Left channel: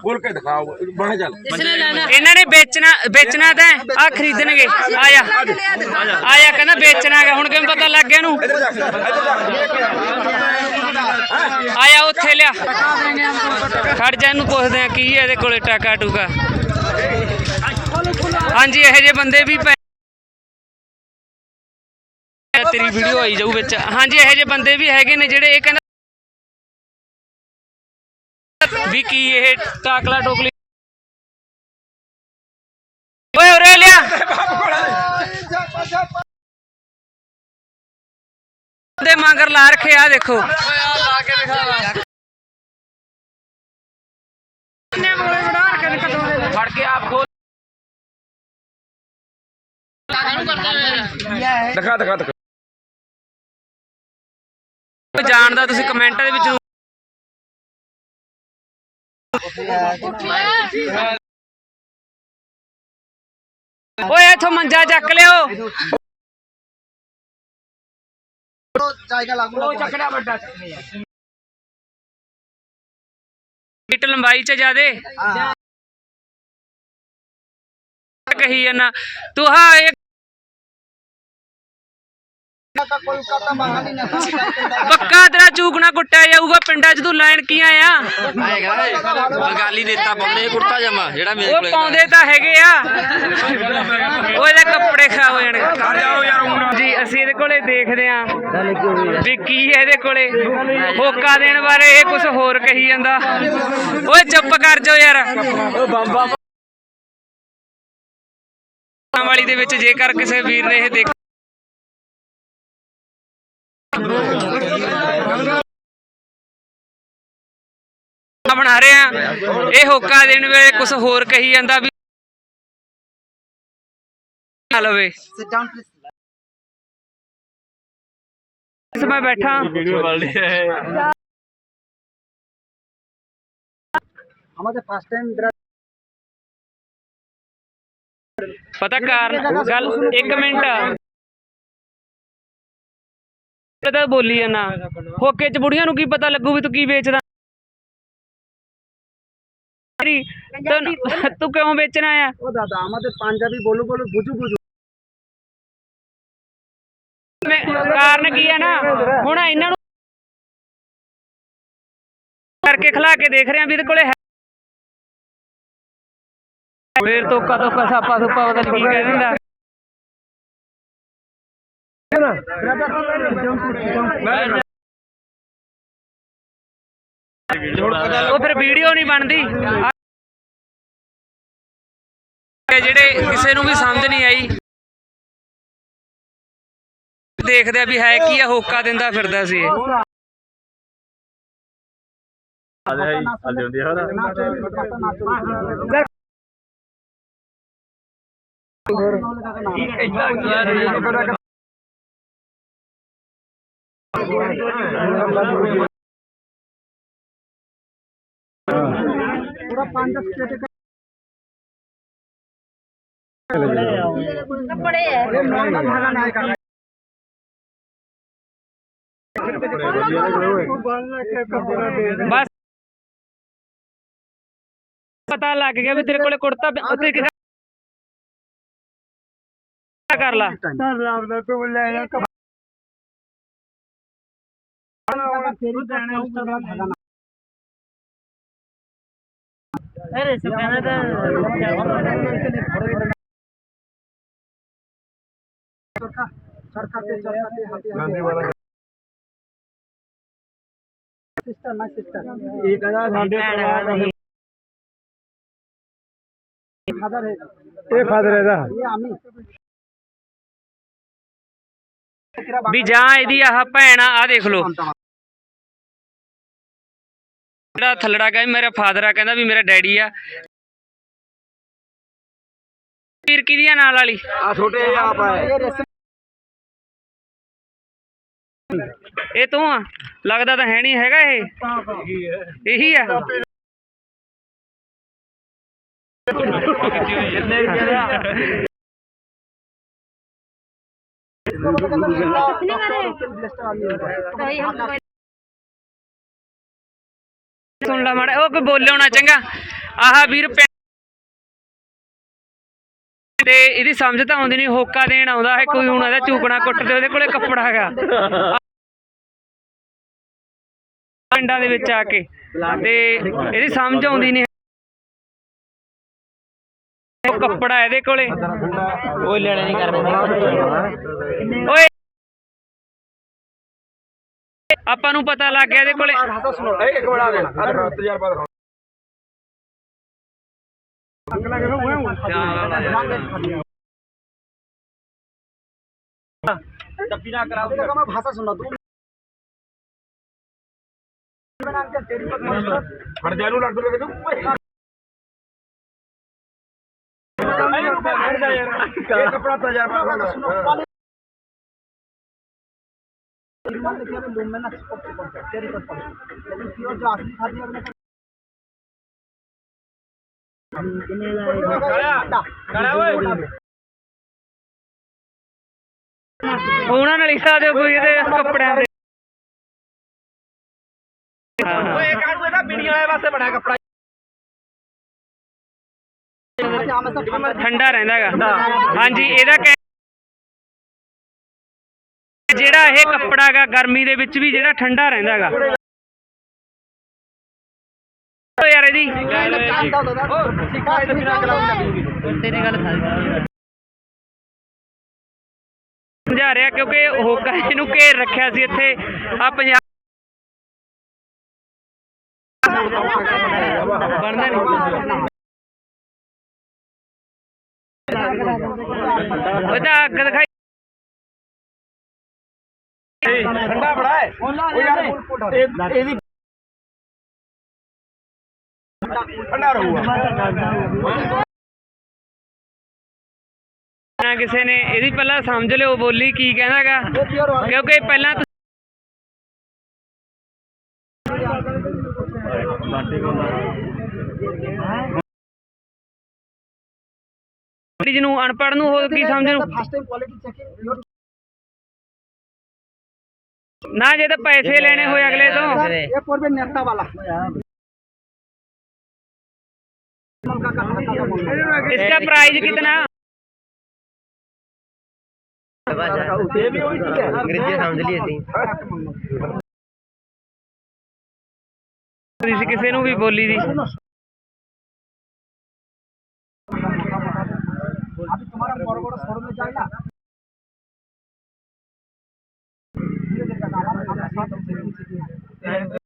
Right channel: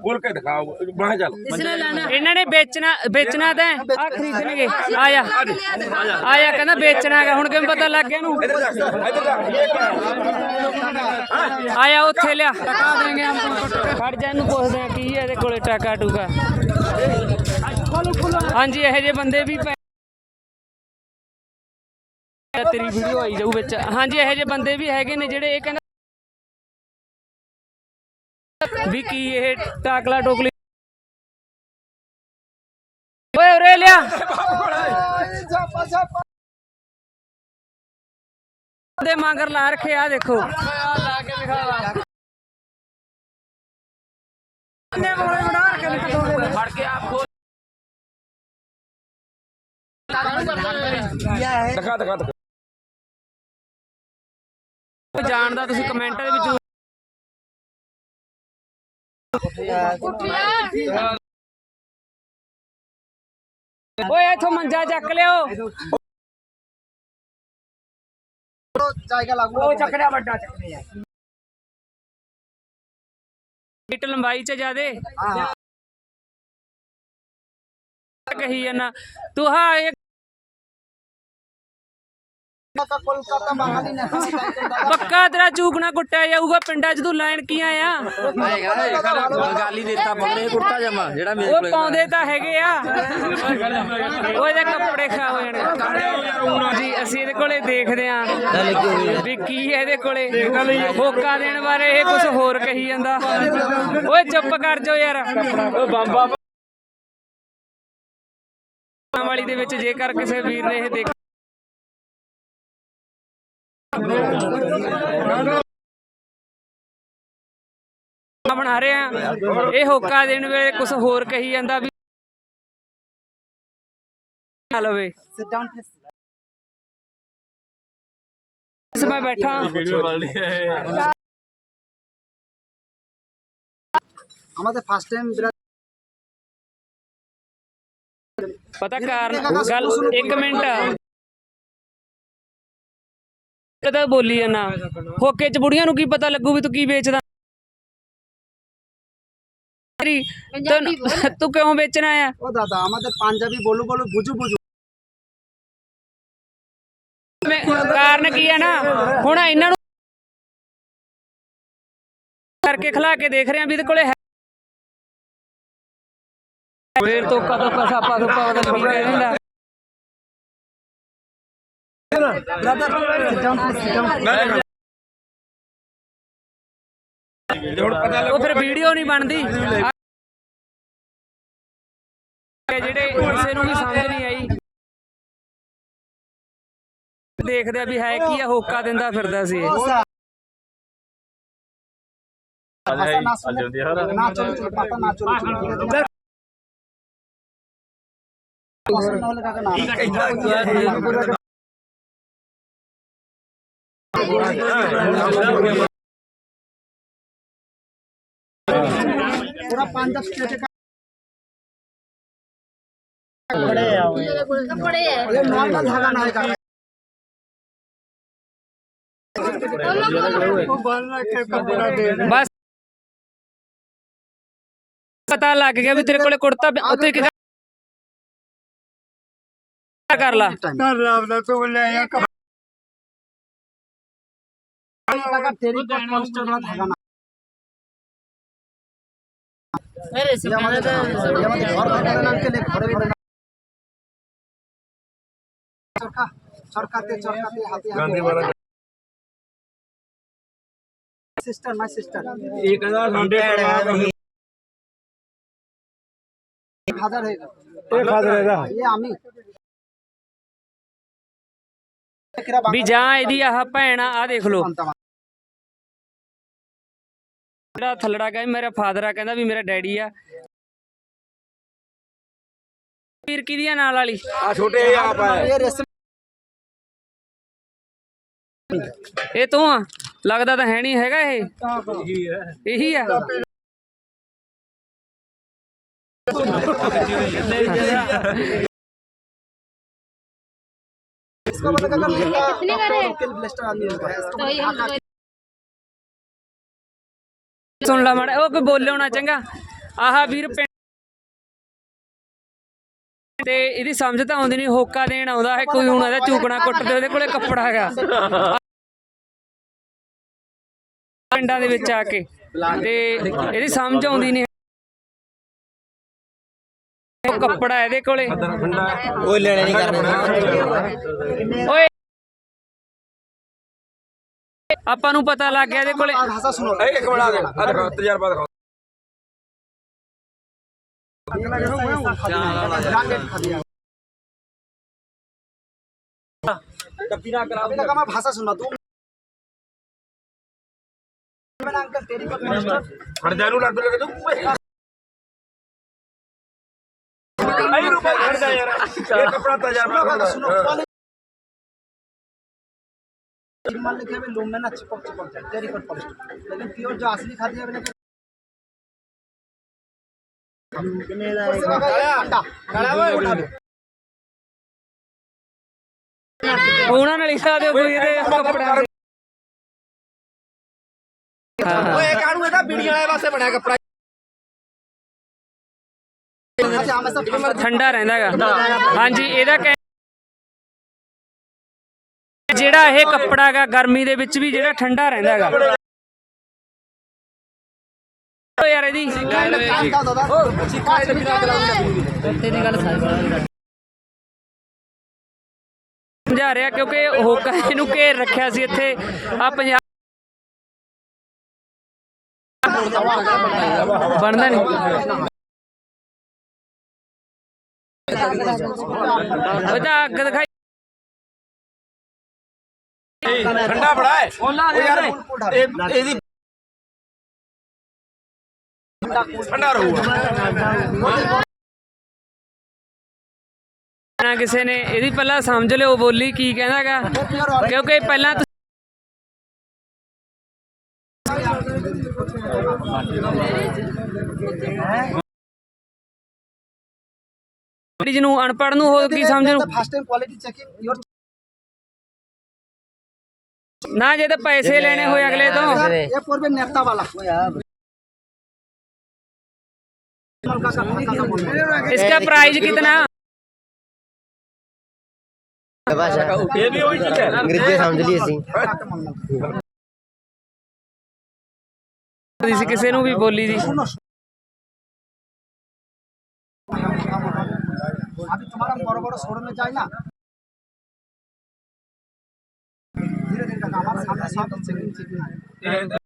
ਖੋਲ ਕੇ ਦਿਖਾਓ ਬਣਾ ਚੱਲ। ਇਹਨਾਂ ਨੇ ਵੇਚਣਾ ਵੇਚਣਾ ਤਾਂ ਆ ਖਰੀਦਣਗੇ। ਆਇਆ। ਆਇਆ ਕਹਿੰਦਾ ਵੇਚਣਾ ਗਾ ਹੁਣ ਕਿਵੇਂ ਪਤਾ ਲੱਗ ਗਿਆ ਇਹਨੂੰ? ਆਇਆ ਉੱਥੇ ਲਿਆ। ਖੜ ਜਾ ਇਹਨੂੰ ਪੁੱਛਦੇ ਆ ਕੀ ਹੈ ਇਹਦੇ ਕੋਲੇ ਟਾਕਾ ਟੂਕਾ। ਹਾਂਜੀ ਇਹੋ ਜਿਹੇ ਬੰਦੇ ਵੀ ਤੇਰੀ ਵੀਡੀਓ ਆਈ ਜਾਊ ਵਿੱਚ। ਹਾਂਜੀ ਇਹੋ ਜਿਹੇ ਬੰਦੇ ਵੀ ਹੈਗੇ ਨੇ ਜਿਹੜੇ ਇਹ ਕਹਿੰਦਾ ਵੀ ਕੀ ਇਹ ਟਾਕਲਾ ਟੋਕਲੀ? ਓਏ ਉਰੇ ਲਿਆ। ਦੇ ਮਗਰ ਲਾ ਰੱਖੇ ਆ ਦੇਖੋ। ਫੜ ਕੇ ਆਪ ਖੋਲ। ਦਿਖਾ ਦਿਖਾ ਦਿਖਾ। ਜਾਣਦਾ ਤੁਸੀਂ ਕਮੈਂਟਾਂ ਦੇ ਵਿੱਚ। ਓਏ ਇੱਥੋਂ ਮੰਜਾ ਚੱਕ ਲਿਓ। ਫਿਟ ਲੰਬਾਈ ਚ ਜਾਦੇ। ਕਹੀ ਜਾਨਾ ਤੂੰ ਹਾਂ ਇਹ ਪੱਕਾ ਤੇਰਾ ਚੂਕਣਾ ਕੁੱਟਿਆ ਜਾਊਗਾ ਪਿੰਡਾਂ 'ਚ ਤੂੰ ਲੈਣ ਕੀ ਆਇਆ? ਬੰਗਾਲੀ ਨੇਤਾ ਪਕੜੇ ਕੁੜਤਾ ਜਾਮਾ ਜਿਹੜਾ ਮੇਰੇ ਉਹ ਪਾਉਂਦੇ ਤਾਂ ਹੈਗੇ ਆ। ਉਹ ਇਹਦੇ ਕੱਪੜੇ ਖਰਾਬ ਹੋ ਜਾਣਗੇ। ਜੀ ਅਸੀਂ ਇਹਦੇ ਕੋਲੇ ਦੇਖਦੇ ਆ ਵੀ ਕੀ ਹੈ ਇਹਦੇ ਕੋਲੇ। ਹੋਕਾ ਦੇਣ ਬਾਰੇ ਇਹ ਕੁਝ ਹੋਰ ਕਹੀ ਜਾਂਦਾ। ਓਏ ਚੁੱਪ ਕਰ ਜਾਓ ਯਾਰ। ਵਾਲੀ ਦੇ ਵਿੱਚ ਜੇਕਰ ਕਿਸੇ ਵੀਰ ਨੇ ਇਹ ਦੇਖ ਬਣਾ ਰਹੇ ਆ ਇਹ ਹੋਕਾ ਦੇਣ ਵੇਲੇ ਕੁਝ ਹੋਰ ਕਹੀ ਜਾਂਦਾ ਵੀ ਨਾ ਲਵੇ ਇਸ ਮੈਂ ਬੈਠਾ আমাদের ফার্স্ট টাইম ਪਤਾ ਕਾਰਨ ਗੱਲ ਇੱਕ ਮਿੰਟ ਕਦਾ ਬੋਲੀ ਜਾਣਾ ਹੋਕੇ ਚ ਬੁੜੀਆਂ ਨੂੰ ਕੀ ਪਤਾ ਲੱਗੂ ਵੀ ਤੂੰ ਕੀ ਵੇਚਦਾ ਤੈਨੂੰ- ਤੂੰ ਕਿਉਂ ਵੇਚਣਾ ਆ ও দাদা আমাদের পাঞ্জাবি বলু বলু বুঝু বুঝু ਮੈਂ ਕਾਰਨ ਕੀ ਹੈ ਨਾ ਹੁਣ ਇਹਨਾਂ ਨੂੰ ਕਰਕੇ ਖਿਲਾ ਕੇ ਦੇਖ ਰਹੇ ਆ ਵੀ ਇਹਦੇ ਕੋਲੇ ਹੈ ਫੇਰ ਤੋਂ ਕਦੋਂ ਕਸਾ ਪਾ ਤੋਂ ਪਾ ਪਤਾ ਨਹੀਂ ਕੀ ਕਹਿ ਦਿੰਦਾ ਉਹ ਫਿਰ ਵੀਡੀਓ ਨਹੀਂ ਬਣਦੀ ਇਹ ਜਿਹੜੇ ਕਿਸੇ ਨੂੰ ਵੀ ਸਮਝ ਨਹੀਂ ਆਈ। ਦੇਖਦੇ ਆ ਵੀ ਹੈ ਕੀ ਆ, ਹੋਕਾ ਦਿੰਦਾ ਫਿਰਦਾ ਸੀ। ਇਹ पूरा पांच दस का कपड़े है ये नॉर्मल धागा ना है काका ਬਸ ਪਤਾ ਲੱਗ ਗਿਆ ਵੀ ਤੇਰੇ ਕੋਲੇ ਕੁੜਤਾ ਪਿਆ- ਉੱਤੇ ਇੱਕ ਕਰ ਲਾ काका तेरी का पोस्टर वाला धागा ना अरे सब চরকাতে চরকাতে হাতে হাতে। ਸਿਸਟਰ ਮਾਈ ਸਿਸਟਰ ਇਹ ਕਹਿੰਦਾ ਸਾਡੇ ਪਰਿਵਾਰ ਦਾ 1000 ਹੈਗਾ 1000 ਹੈਗਾ ਇਹ ਆਮੀ ਵੀ ਜਾਂ ਇਹਦੀ ਆਹ ਭੈਣ ਆ ਦੇਖ ਲਓ ਜਿਹੜਾ ਥੱਲੜਾ ਗਿਆ ਮੇਰਾ ਫਾਦਰ ਆ ਕਹਿੰਦਾ ਵੀ ਮੇਰਾ ਡੈਡੀ ਆ ਪੀਰ ਕਿਹਦੀ ਨਾਲ ਵਾਲੀ ਆ ਛੋਟੇ ਆਪ ਆ ਇਹ ਰਸਮ ਇਹ ਤੂੰ ਆ ਲੱਗਦਾ ਤਾਂ ਹੈ ਨਹੀਂ ਹੈਗਾ ਇਹ ਇਹੀ ਆ इसका मतलब अगर लोकल ब्लेस्टर आदमी होता है इसका तो ये हम लोग ਸੁਣ ਲਾ ਮਾੜਾ ਉਹ ਕੋਈ ਬੋਲਿਓ ਨਾ ਚੰਗਾ ਆਹ ਵੀਰ ਪਿੰ- ਤੇ ਇਹਦੀ ਸਮਝ ਤਾਂ ਆਉਂਦੀ ਨਹੀਂ ਹੋਕਾ ਦੇਣ ਆਉਂਦਾ ਹੈ ਕੋਈ ਹੁਣ ਇਹਦਾ ਚੂਕਣਾ ਕੁੱਟਦੇ ਉਹਦੇ ਕੋਲੇ ਕੱਪੜਾ ਹੈਗਾ ਪਿੰਡਾਂ ਦੇ ਵਿੱਚ ਆ ਕੇ ਤੇ ਇਹਦੀ ਸਮਝ ਆਉਂਦੀ ਨਹੀਂ ਉਹ ਕੱਪੜਾ ਇਹਦੇ ਕੋਲੇ ਕੋਈ ਲੈਣਾ ਨਹੀਂ ਕਰਨਾ ਓਏ ਆਪਾਂ ਨੂੰ ਪਤਾ ਲੱਗ ਗਿਆ ਇਹਦੇ ਕੋਲੇ भाषा सुनो ਇਹ ਇੱਕ ਬਣਾ ਦੇਣਾ ਆ ਦੇਖੋ ਤਜਰਬਾ ਦਿਖਾਓ ब्रांडेड खा दिया अभी तक हमें भाषा सुनना दो ਰੁਪਏ ਖੜਦਾ ਯਾਰ ਇਹ ਕਪੜਾ ਤਜਰਬਾ सुनो ਕਰਦਾ सुनो क्वालिटी मान लिखे हमें लूम में ना चिपक चिपक जाए तेरी पर पॉलिस्टर लेकिन प्योर जो असली खादी है मैंने ਉਹਨਾਂ ਨਾਲ ਹੀ ਲਾ ਦਿਓ ਕੋਈ ਇਹਦੇ ਕੱਪੜਿਆਂ ਦੇ ਓਏ ਠੰਡਾ ਰਹਿੰਦਾ ਹੈਗਾ। ਹਾਂਜੀ ਇਹਦਾ ਕਹਿ- ਜਿਹੜਾ ਇਹ ਕੱਪੜਾ ਹੈਗਾ ਗਰਮੀ ਦੇ ਵਿੱਚ ਵੀ ਜਿਹੜਾ ਠੰਡਾ ਰਹਿੰਦਾ ਹੈਗਾ। ਓ ਯਾਰ ਇਹਦੀ। ਸਮਝਾ ਰਿਹਾ ਕਿਉਂਕਿ ਹੋਕਾ ਇਹਨੂੰ ਘੇਰ ਰੱਖਿਆ ਸੀ ਇੱਥੇ। ਆ ਪੰਜਾਬ ਬਣਦਾ ਨਹੀਂ ਉਹਦਾ ਅੱਗ ਦਿਖਾਈ ਠੰਡਾ ਬੜਾ ਹੈ ਉਹ ਯਾਰ ਇਹ ਇਹਦੀ ਠੰਡਾ ਰਹੂਗਾ ਨਾ ਕਿਸੇ ਨੇ, ਇਹਦੀ ਪਹਿਲਾਂ ਸਮਝ ਲਿਓ ਬੋਲੀ ਕੀ ਕਹਿੰਦਾਗਾ ਕਿਉਂਕਿ ਪਹਿਲਾਂ ਜਿਹਨੂੰ ਅਨਪੜ੍ਹ ਨੂੰ ਹੋਰ ਕੀ ਸਮਝਣ first time quality checking your ਨਾ ਜੇ ਤਾਂ ਪੈਸੇ ਲੈਣੇ ਹੋਏ ਅਗਲੇ ਤੋਂ ये पूर्व नेता वाला का का भाषा का बोलना इसका प्राइस कितना ਇਹ ਵੀ ਉਹੀ ਚੀਜ਼ ਹੈ ਅੰਗਰੇਜ਼ੀ ਸਮਝ ਲਈ ਅਸੀਂ ਸੀ ਕਿਸੇ ਨੂੰ ਵੀ ਬੋਲੀ ਦੀ अभी तुम्हारा बड़ो बड़ो शोरूम में जाए ना धीरे धीरे करना हमारे सामने सब चेकिंग चेकिंग है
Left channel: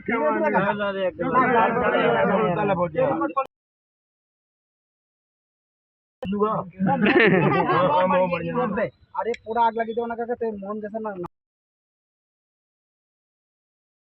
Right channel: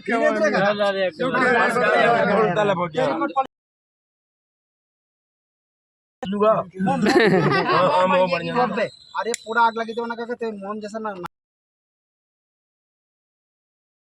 धीरे धीरे करना ਤਾਂ ਲੱਭ ਗਿਆ लूगा हाँ वो बढ़िया अरे पूरा आग लगी तो ना कहते मोहन जैसा ना ना-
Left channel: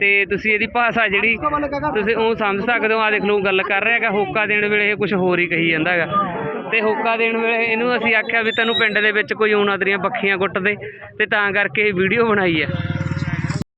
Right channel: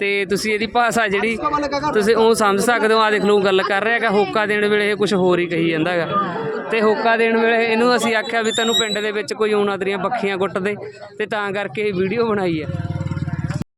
ਤੇ ਤੁਸੀਂ ਇਹਦੀ ਭਾਸ਼ਾ ਜਿਹੜੀ ਤੁਸੀਂ ਉਹ ਸਮਝ ਸਕਦੇ ਹੋ ਆ ਦੇਖ ਲਓ ਗੱਲ ਕਰ ਰਿਹਾ ਹੈਗਾ, ਹੋਕਾ ਦੇਣ ਵੇਲੇ ਇਹ ਕੁਝ ਹੋਰ ਹੀ ਕਹੀ ਜਾਂਦਾ ਹੈਗਾ। ਤੇ ਹੋਕਾ ਦੇਣ ਵੇਲੇ ਇਹਨੂੰ ਅਸੀਂ ਆਖਿਆ ਵੀ ਤੈਨੂੰ ਪਿੰਡ ਦੇ ਵਿੱਚ ਕੋਈ ਉਹਨਾਂ ਦੀਆਂ ਬੱਖੀਆਂ ਗੁੱਟਦੇ ਤੇ ਤਾਂ ਕਰਕੇ ਇਹ ਵੀਡੀਓ ਬਣਾਈ ਹੈ।